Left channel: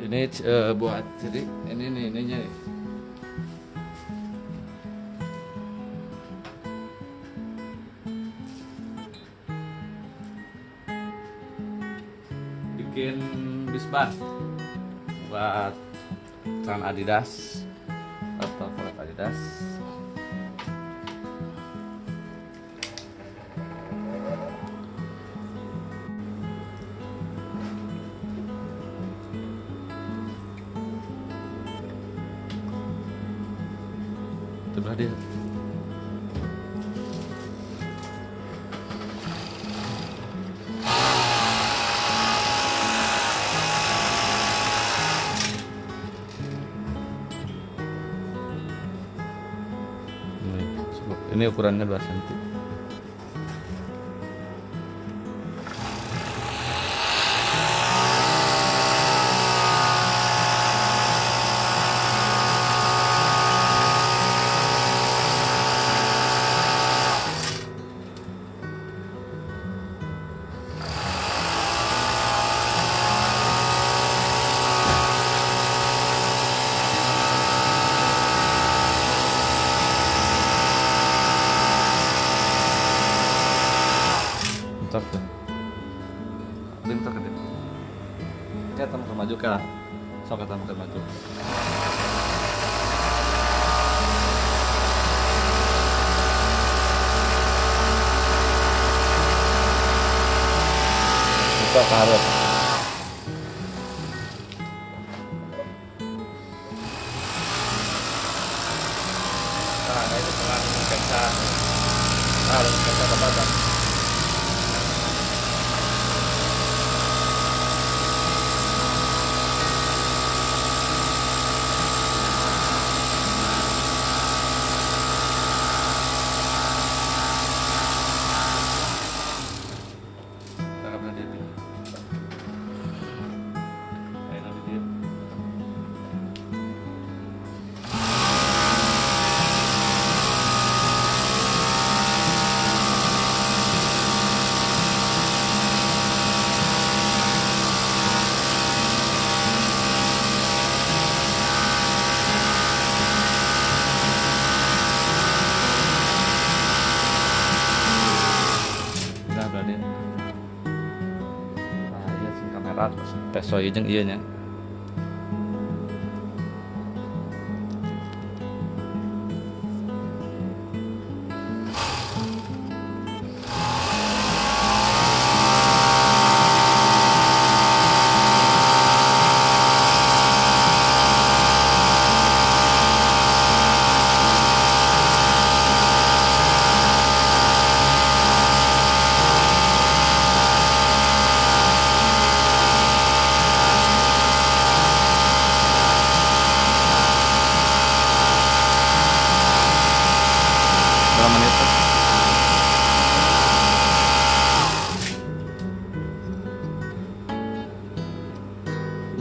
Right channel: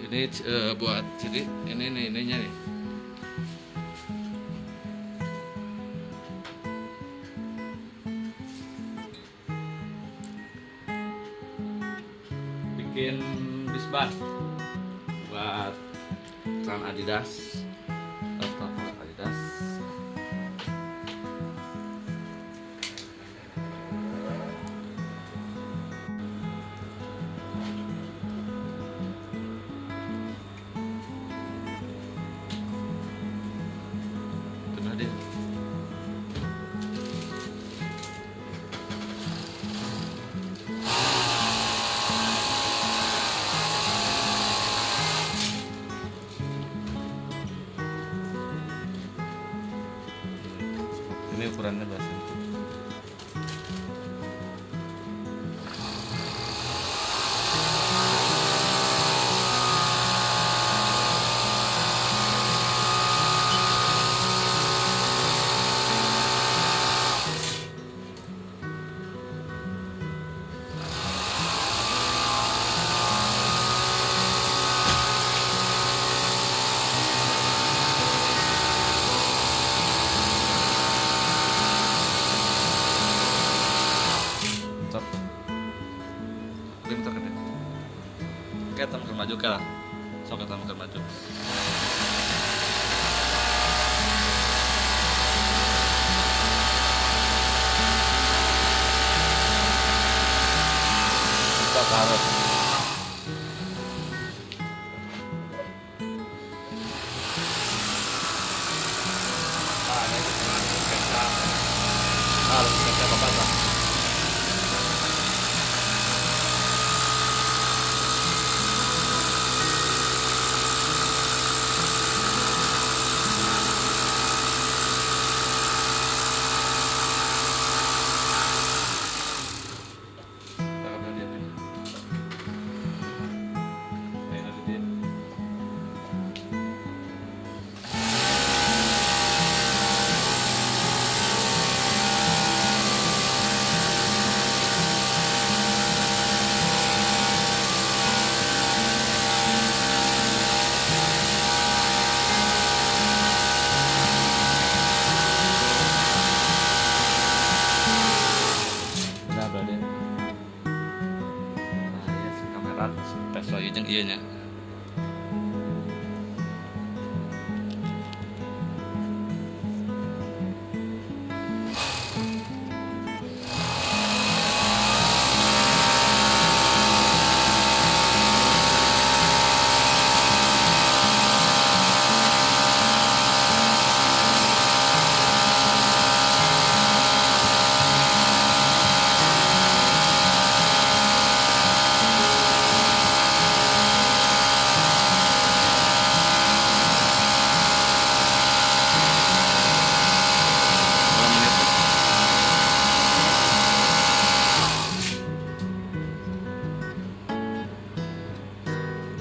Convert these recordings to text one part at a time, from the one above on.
Ini buat jadi ini nih ininya nih. Bikin disban buat celana Adidas atau polet Adidas. Coba dia. Ini ukurannya 2 cm. Bentar tuh. Dia bentar ke dia. Kita makan maju ke lah. Sok kita makan maju. Kita harus. Nah, itu tengah kaca. Ah, kaca apa-apa. Tak pernah dia pindah. Kayak nanti dia. Nah, berarti. Iya sih kamera tes soy jeung ieu nya.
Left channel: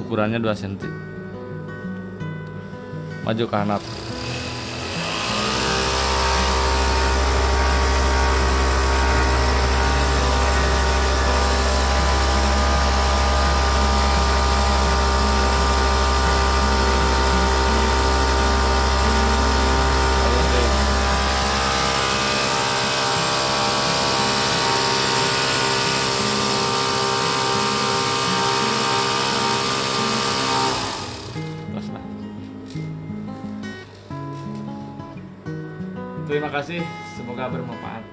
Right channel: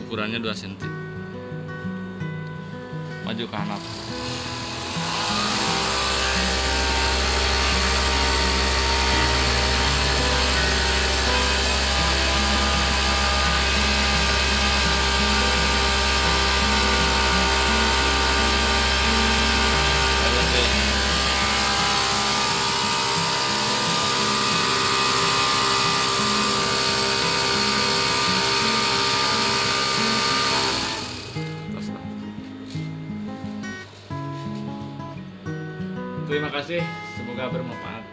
Ukurannya 2 cm. Maju ke kanan. Terima kasih, semoga bermanfaat.